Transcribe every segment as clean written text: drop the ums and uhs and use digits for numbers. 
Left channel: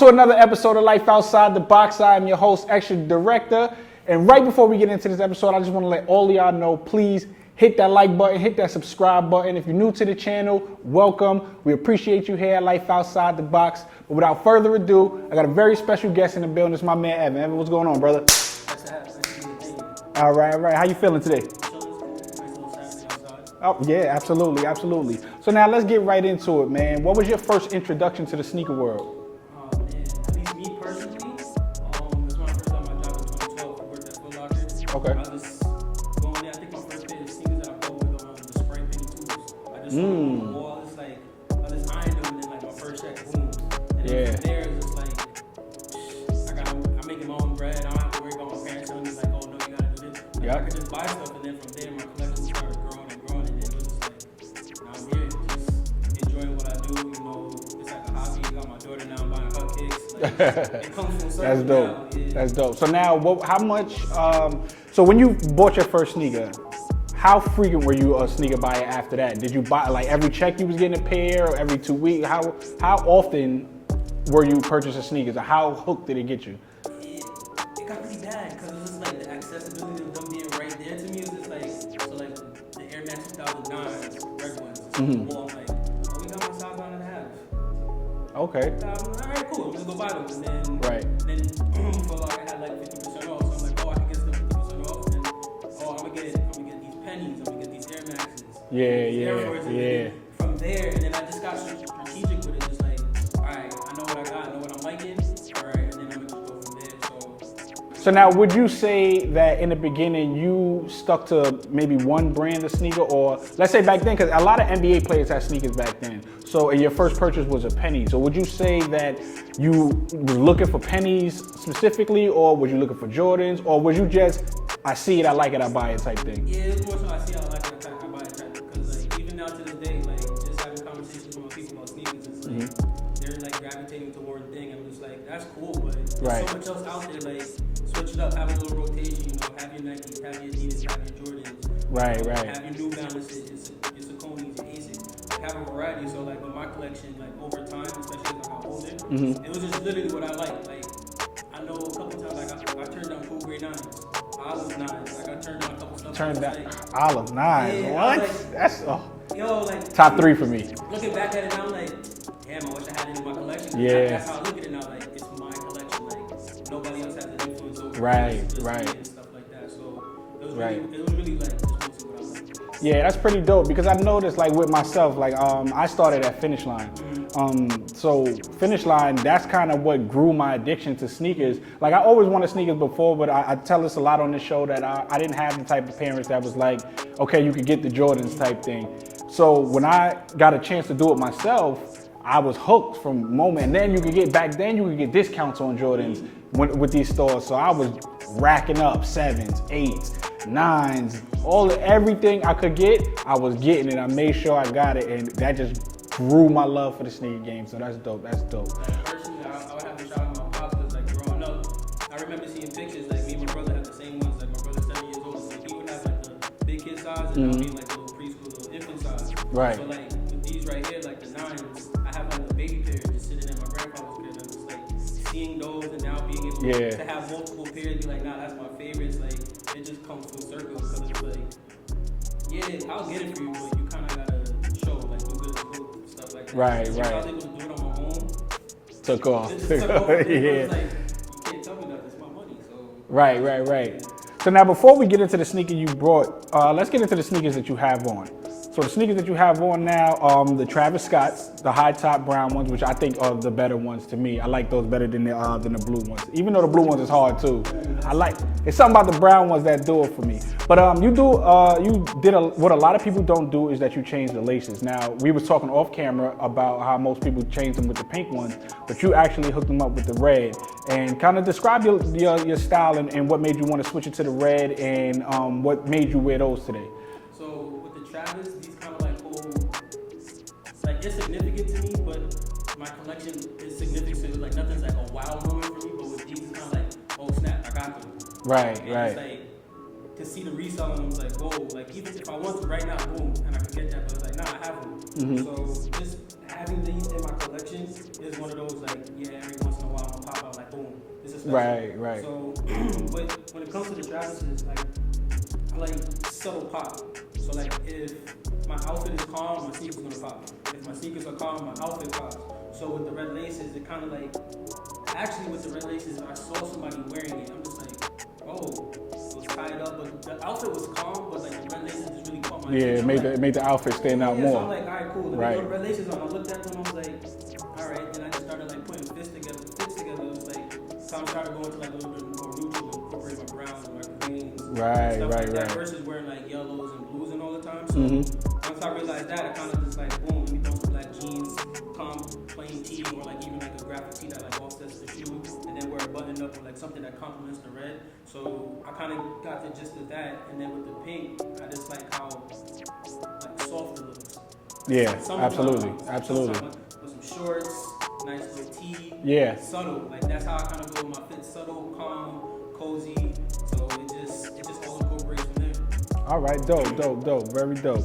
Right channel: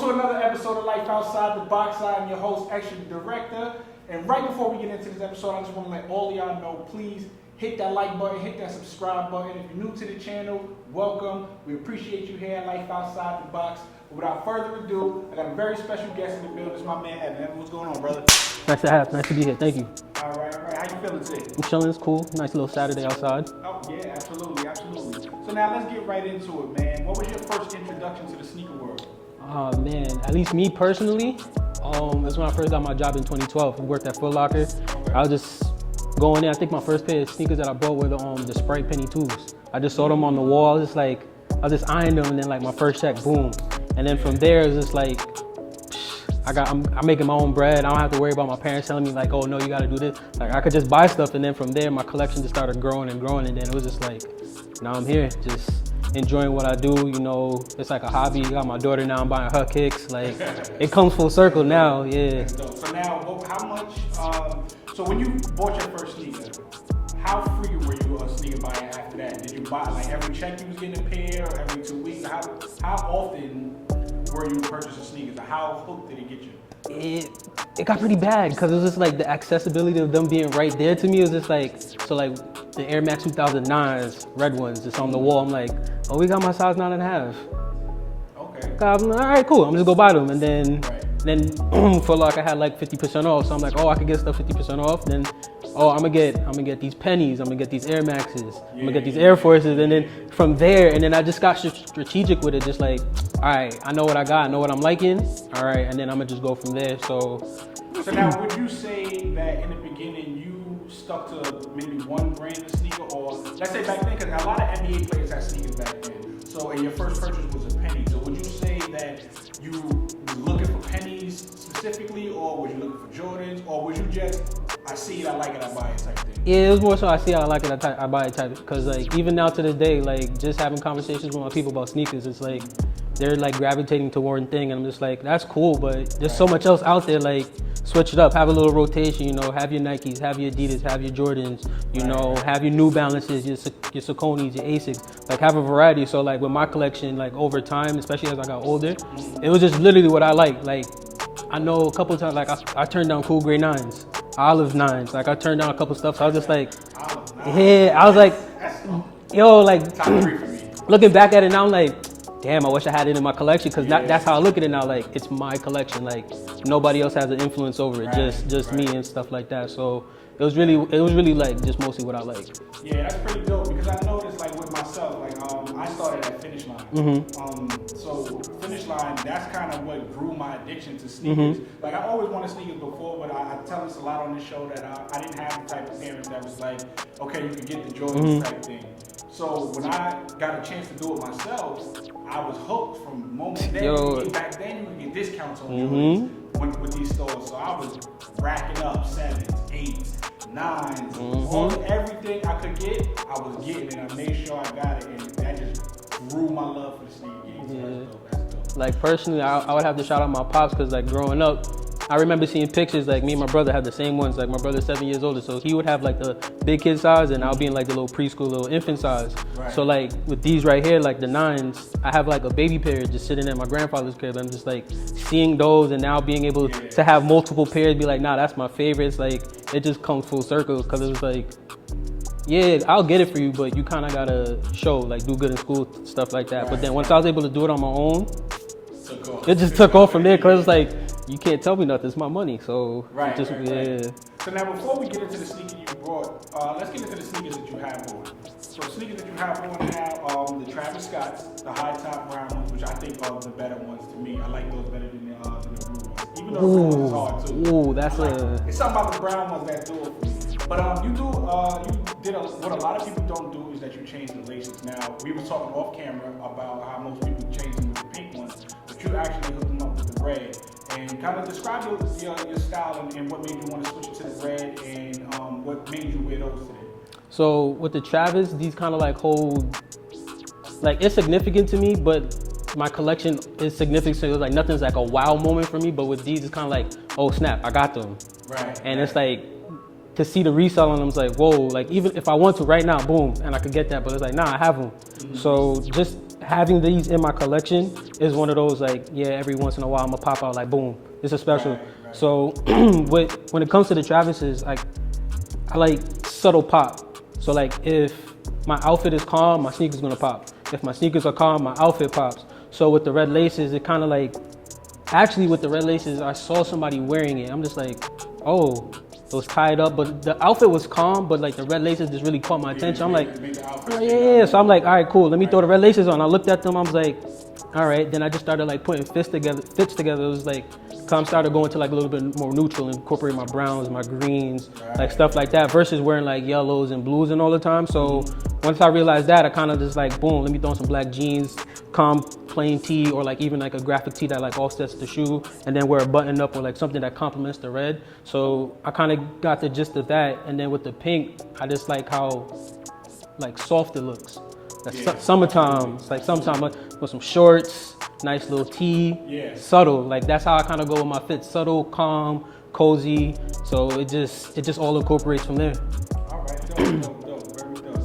to another episode of Life Outside the Box. I am your host, Extra Director. And right before we get into this episode, I just want to let all of y'all know, please hit that like button, hit that subscribe button. If you're new to the channel, welcome. We appreciate you here at Life Outside the Box. But without further ado, I got a very special guest in the building. It's my man, Evan. Evan, what's going on, brother? Nice to be here. Thank you. All right. How you feeling today? I'm chilling. It's cool. Nice little Saturday outside. Oh, yeah, absolutely. So now let's get right into it, man. What was your first introduction to the sneaker world? Oh, man. At least me personally, that's when I first got my job in 2012. I worked at Foot Locker. Okay. I was just going in. I think my first pair of sneakers that I bought were the Sprite Penny 2s. I just saw them on the wall. I was just eyeing them, and then like my first check, boom. And then from there, it's just like, I'm making my own bread. I don't have to worry about my parents telling me like, oh no, you gotta do this. Like I could just buy stuff, and then from there, my collection just started growing, and then it was just like, now I'm here, just enjoying what I do. You know, it's like a hobby. I got my daughter now. I'm buying her kicks. Like it comes full circle now. Yeah, that's dope. So now, how much? So when you bought your first sneaker, how frequent were you a sneaker buyer after that? Did you buy like every check you was getting a pair, or every 2 weeks? How often were you purchasing sneakers? Or how hooked did it get you? It got pretty bad because it was just like the accessibility of them being right there to me. It was just like, so like the Air Max 2009s, red ones, just on the wall. I'm like, oh, we got my size 9.5. Okay. I'm like, all right, cool. I'm just gonna buy them, and then for like I had like 50% off. So I'm like, oh, I could get stuff 50% off. Then, oh, I'm gonna get these pennies. I'm gonna get these Air Maxes. I'm gonna get these Air Forces, and then from there, and then I just got strategic with it. Just like, all right, I know what I got. I know what I'm liking. All right, and then I'm gonna just go from there. So now, would you say that in the beginning you stuck to maybe one brand of sneaker, or let's say back then, because a lot of NBA players had sneakers back then. So, and your first purchase was a penny. So, would you say that you were looking for pennies specifically, or was you looking for Jordans, or was you just, I see it, I like it, I buy it type thing? Yeah, it was more so I see it, I like it, I buy it type. Because like even now to this day, like just having conversations with my people about sneakers, it's like they're like gravitating to one thing, and I'm just like, that's cool, but there's so much else out there. Like switch it up, have a little rotation. You know, have your Nikes, have your Adidas, have your Jordans. You know, have your New Balances, your Sauconys, your Asics. Like have a variety. So like with my collection, like over time, especially as I got older, it was just literally what I like. Like I know a couple of times, like I turned down Cool Grey 9s. Olive 9s, like I turned down a couple stuff. So I was just like, Olive 9. Yeah, I was like, that's yo, like top 3 for me. Looking back at it now, I'm like, damn, I wish I had it in my collection, because that's how I look at it now. Like it's my collection. Like nobody else has an influence over it, just me and stuff like that. So it was really like just mostly what I like. Yeah, that's pretty dope, because I noticed like with myself, like I started at Finish Line. So Finish Line, that's kind of what grew my addiction to sneakers. Like I always wanted sneakers before, but I tell this a lot on this show that I didn't have the type of parents that was like, okay, you could get the Jordans type thing. So when I got a chance to do it myself, I was hooked from moment. And then you could get discounts on Jordans with these stores. So I was racking up 7s, 8s, 9s, everything I could get, I was getting it. I made sure I got it, and that just grew my love for the sneaker game. So that's dope. That's dope. Like personally, I would have to shout out my pops, because like growing up, I remember seeing pictures, like me and my brother had the same ones. Like my brother's 7 years older, so he would have like the big kid size, and I'll be in like the little preschool, little infant size. Right. So like with these right here, like the 9s, I have like a baby pair just sitting at my grandfather's crib. I'm just like seeing those, and now being able to have multiple pairs, be like, nah, that's my favorites. Like it just comes full circle, because it's like, yeah, I'll get it for you, but you kind of gotta show, like do good in school, stuff like that. But then once I was able to do it on my own, took off. It just took off from there, because it's like, you can't tell me nothing, it's my money. So right. So now before we get into the sneaker you brought, let's get into the sneakers that you have on. So the sneakers that you have on now, the Travis Scotts, the high top brown ones, which I think are the better ones to me. I like those better than the blue ones, even though the blue ones is hard too. It's something about the brown ones that do it for me. But you did what a lot of people don't do, is that you change the laces. Now we was talking off camera about how most people change them with the pink ones, but you actually hooked them up with the red. And kind of describe your style and what made you want to switch it to the red, and what made you wear those today. So with the Travis, these kind of like hold, like it's significant to me, but my collection is significant. So like nothing's like a wow moment for me, but with these, it's kind of like, oh snap, I got them. Right. And it's like, to see the resale on them, it's like, whoa, like even if I want to right now, boom, and I could get that, but it's like, nah, I have them. So just having these in my collection is one of those like, yeah, every once in a while I'm gonna pop out like, boom, this is special. Right. So when it comes to the Travises, like I like subtle pop. So like if my outfit is calm, my sneakers gonna pop. If my sneakers are calm, my outfit pops. So with the red laces, it kind of like, actually with the red laces, I saw somebody wearing it. I'm just like, oh, it was tied up, but the outfit was calm, but like the red laces just really caught my attention. I'm like, it made the outfit stand out yeah. more. So I'm like, all right, cool. Let me throw the red laces on. I looked at them. I was like, all right. Then I just started like putting fits together. It was like, I started going to like a little bit more neutral, incorporating my browns, my greens, like stuff like that, versus wearing like yellows and blues and all the time. So once I realized that, I kind of just like, boom, let me throw some black jeans, calm plain tee, or like even like a graphic tee that like offsets the shoe, and then wear a button up or like something that complements the red. So I kind of got the gist of that. And then with the pink, I just like how like soft it looks. Like summertime, like summertime with some shorts, nice little tee, subtle. Like that's how I kind of go with my fit, subtle, calm, cozy. So it just all incorporates from there. All right, dope, very dope.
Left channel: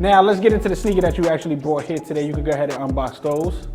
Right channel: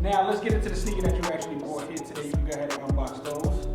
Now let's get into the sneaker that you actually brought here today. You can go ahead and unbox those.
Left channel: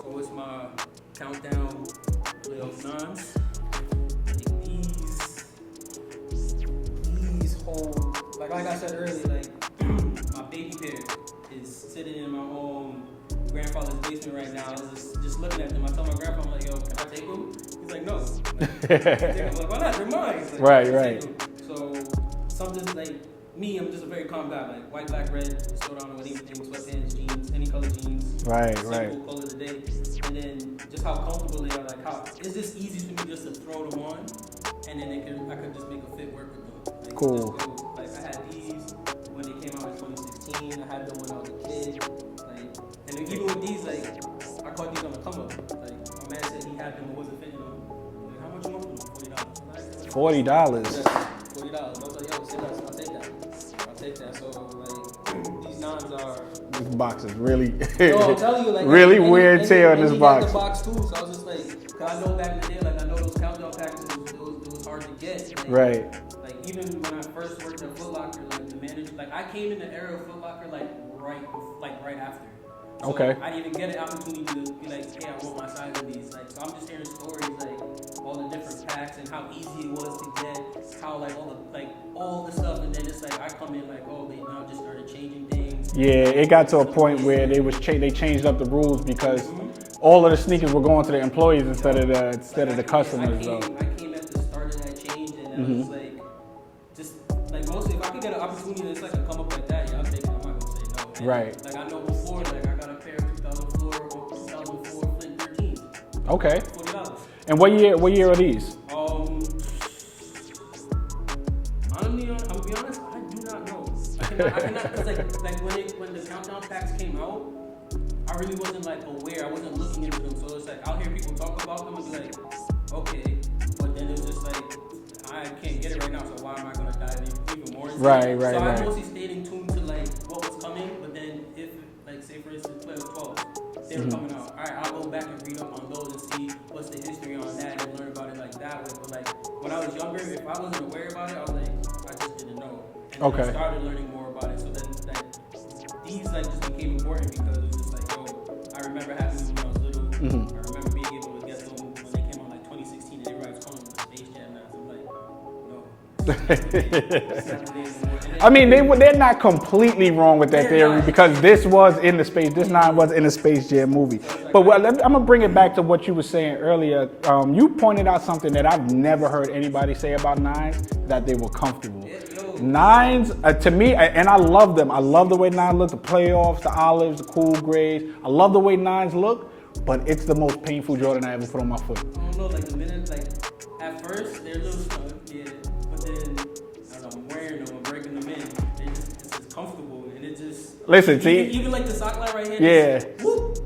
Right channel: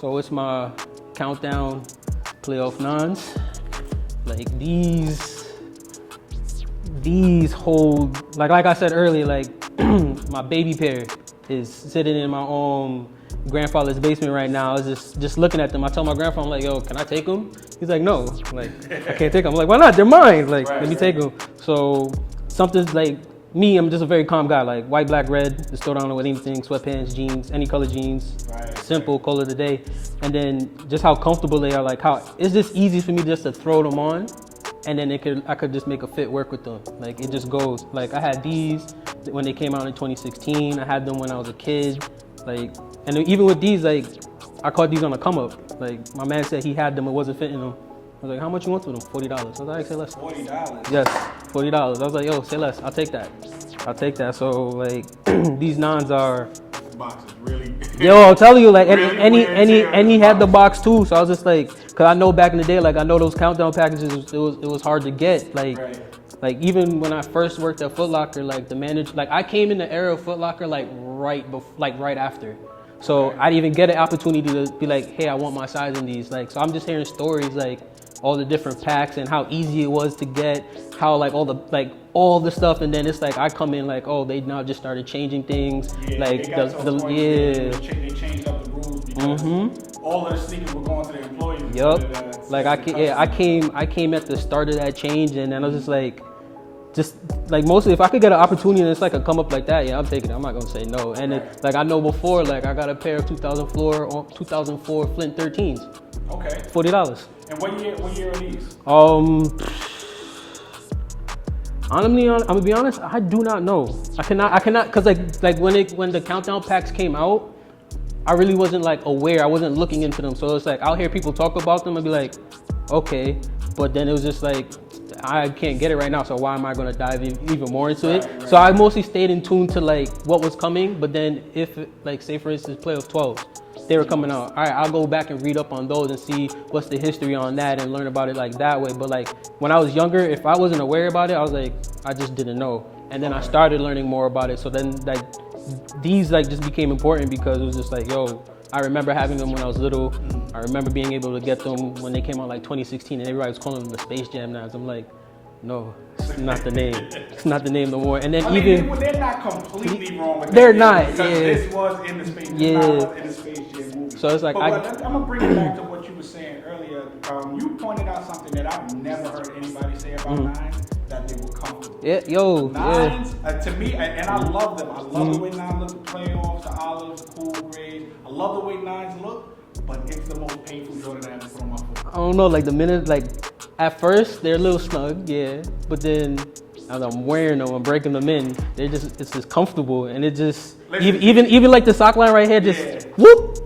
So it's my countdown playoff nines. Like these hold, like I said earlier, like my baby pair is sitting in my grandfather's basement right now. I was just looking at them. I told my grandfather, I'm like, yo, can I take them? He's like, no, like I can't take them. I'm like, why not? They're mine. Like, let me take them. So something's like, me, I'm just a very calm guy. Like white, black, red, just throw down with anything, sweatpants, jeans, any color jeans. Simple, call it a day. And then just how comfortable they are. Like how it's just easy for me just to throw them on, and then I could just make a fit work with them. Like it just goes. Like I had these when they came out in 2016. I had them when I was a kid. Like, and even with these, like I caught these on a come up. Like my man said he had them, it wasn't fitting them. I was like, how much you want for them? $40. I was like, say less. $40? Yes, $40. I was like, yo, say less. I'll take that. So like, these nines are. This box is really. Yo, I'll tell you, like, really and he had the box too. So I was just like, cause I know back in the day, like I know those countdown packages, it was hard to get. Like, like even when I first worked at Foot Locker, like the manager, like I came in the era of Foot Locker like right after. So I didn't even get an opportunity to be like, hey, I want my size in these. Like, so I'm just hearing stories like all the different packs and how easy it was to get, how like all the stuff, and then it's like I come in like, oh, they now just started changing things. Yeah, like, it got to a point where they changed up the rules because all of the sneakers were going to the employees instead of the customers. I came at the start of that change, and then I was just like mostly if I could get an opportunity and it's like a come up like that, yeah, I'm taking it. I'm not gonna say no. And like I know before, like I got a pair of 2004 Flint 13s. Okay. $40. And what year are these? Honestly, I'm gonna be honest, I do not know. I cannot, cause like when the countdown packs came out, I really wasn't like aware. I wasn't looking into them. So it's like I'll hear people talk about them and be like, okay, but then it was just like, I can't get it right now, so why am I gonna dive even more into it? So I mostly stayed in tune to like what was coming, but then if like say for instance playoff 12, they were coming out, all right, I'll go back and read up on those and see what's the history on that and learn about it like that way. But like when I was younger, if I wasn't aware about it, I was like, I just didn't know. And then I started learning more about it. So then like these like just became important because it was just like, yo, I remember having them when I was little. I remember being able to get them when they came out like 2016, and everybody was calling them the Space Jam Nines. I'm like, no, it's not the name. It's not the name no more. And then I mean, they're not completely wrong with that. They're name not, because yeah. this was in the Space. This Yeah. nine was in the Space Jam movie. So it's like but I'm gonna bring it back to what you were saying earlier. You pointed out something that I've never heard anybody say about Nines, that they were comfortable. Yeah, yo, Nines, to me, and I love them. I love the way Nines look, the playoffs, the olives, the cool grays. I love the way Nines look, but it's the most painful Jordan I ever put on my foot. I don't know, like the minute, like at first they're a little snug, yeah, but then as I'm wearing them and breaking them in, it's just comfortable, and it just Listen, even like the sock line right here, just Yeah. whoop,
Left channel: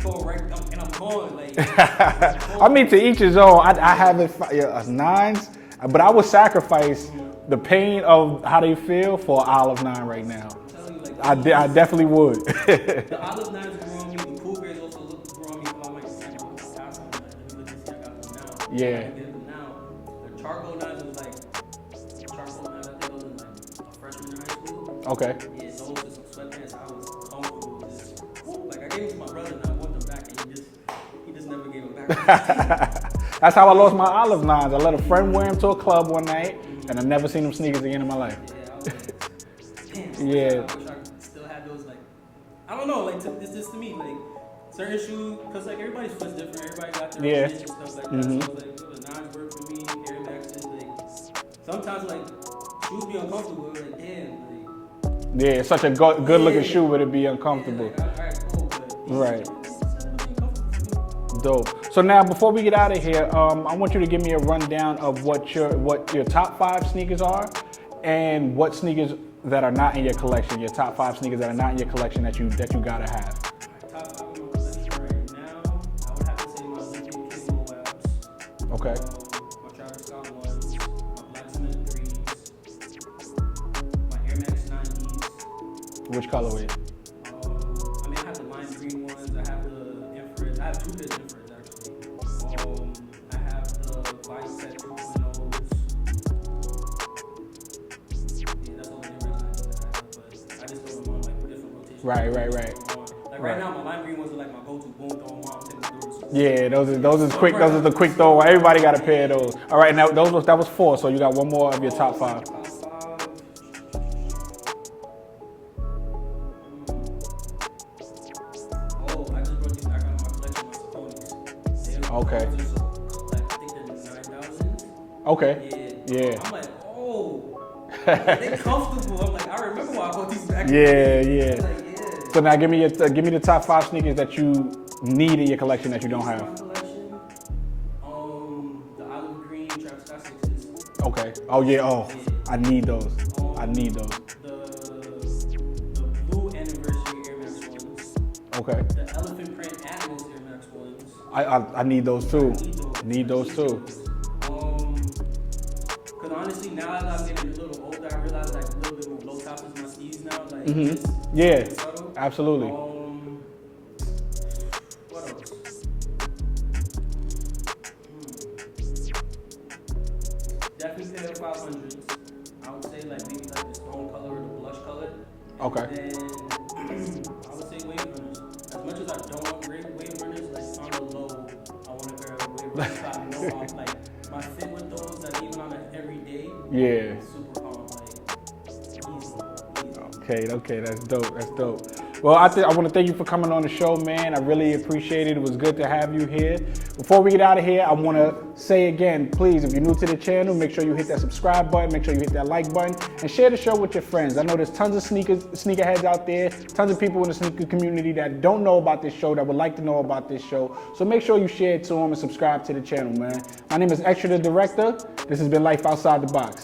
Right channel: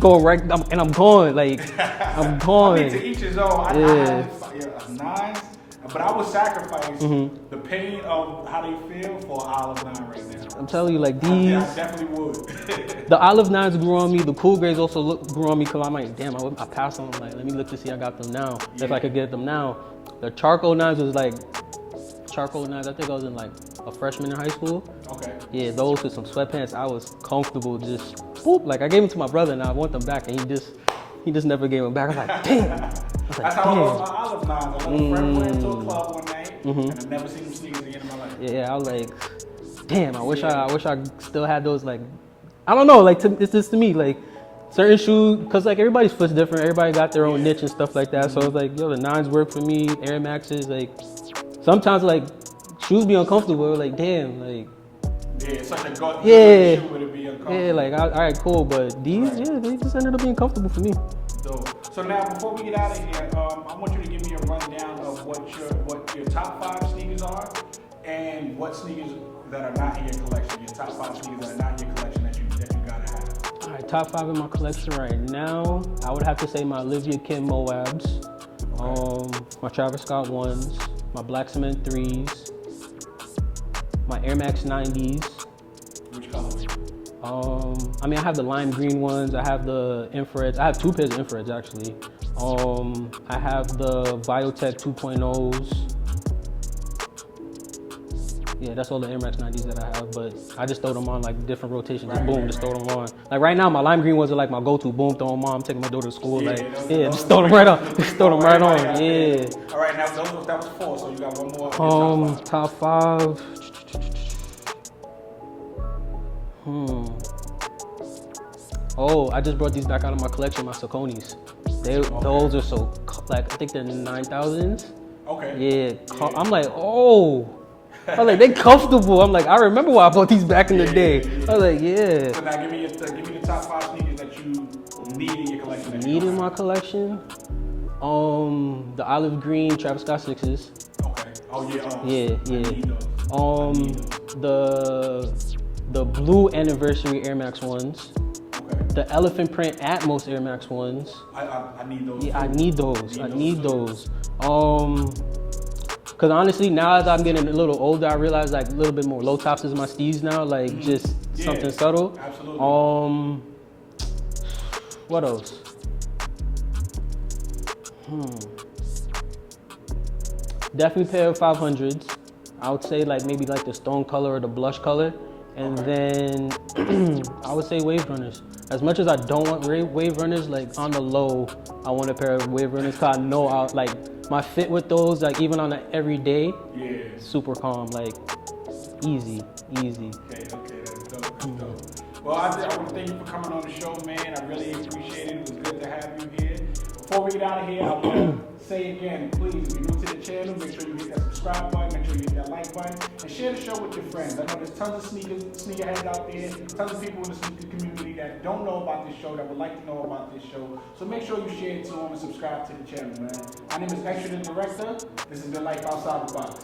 go right, and I'm gone, like I'm gone. I mean, to each his own. I Yeah. have it Nines, but I would sacrifice the pain of how they feel for Olive 9 right now. I'm telling you, like I these, definitely would. the olive nines grew on me. The cool grays also grew on me because I'm like, damn, I passed on them. Like, let me look to see I got them now. If Yeah. I could get them now. The charcoal nines was like charcoal nines. I think I was in like a freshman in high school. Okay. Yeah, those with some sweatpants. I was comfortable just whoop. Like I gave them to my brother and I want them back, and he just never gave them back. I was like, damn. That's how I lost my Olive 9s. I let a friend wear them to a club one night, and I've never seen them sneakers again in my life. Yeah, I was like, damn. I wish Yeah. I still had those. Like, I don't know. Like, it's just to me like. Certain shoes, cause like everybody's foot's different. Everybody got their own Yeah. niche and stuff like that. So it's like, yo, the nines work for me. Air Maxes, like sometimes like shoes be uncomfortable. Like damn, like Yeah, it's such a good Yeah. looking shoe, but it'd be uncomfortable. yeah, like all right, cool. But these, Right. yeah, they just ended up being comfortable for me. Dope. So now, before we get out of here, I want you to give me a rundown of what your top 5 sneakers are, and what sneakers that are not in your collection. Your top 5 sneakers that are not in your collection that you gotta have. All right, top 5 in my collection right now. I would have to say my Olivia Kim Moabs, Okay. my Travis Scott ones, my Black Cement 3s, my Air Max 90s. Which colorway? I mean, I have the lime green ones. I have the infrareds. I have 2 pairs of infrareds actually. I have the Biotech 2.0s. Yeah, that's all the Air Max 90s that I have. But I just throw them on like different rotations. Right, boom, right, just right. throw them on. Like right now, my lime green ones are like my go-to. Boom, throw them on. I'm taking my daughter to school. Yeah, like, those just are throw them right on. the quick Just throw throw. them right Everybody on. got a pair Yeah. of those. All right, now that was 4, so you got one more of your top 5. Top 5. Oh, I just brought these back out of my collection, my Sauconys. Those are so, like, I think they're 9,000s. Okay. Yeah. Yeah. I'm like, oh. I was like, they comfortable. I'm like, I remember why I bought these back in the day. Yeah. I was like, yeah. So now give me the top 5 sneakers that you need in your collection that you Need don't in my have. collection. The olive green Travis Scott 6s. Okay. Oh yeah. Oh. Yeah, I yeah. need those. I need those. The blue anniversary Air Max ones. Okay. The elephant print Atmos Air Max ones. I need those Yeah, too. I need those. I Need need those those. Cause honestly, now as I'm getting a little older, I realize like a little bit more low tops is my steez now. Like just Yeah. something subtle. Absolutely. What else? Definitely pair of 500s. I would say like maybe like the stone color or the blush color. And then I would say wave runners. As much as I don't want wave runners, like on the low, I want a pair of wave runners. So I know how like my fit with those, like even on an everyday, Yeah. super calm, like easy. Okay, that's dope. Well, I want to thank you for coming on the show, man. I really appreciate it. It was good to have you here. Before we get out of here, I want to say again, please, if you're new to the channel, make sure you hit that subscribe button, make sure you hit that like button, and share the show with your friends. I know there's tons of sneakerheads out there, tons of people in the sneaker community that don't know about this show, that would like to know about this show. So make sure you share it to them and subscribe to the channel, man. My name is Extra the Director. This has been Life Outside the Box.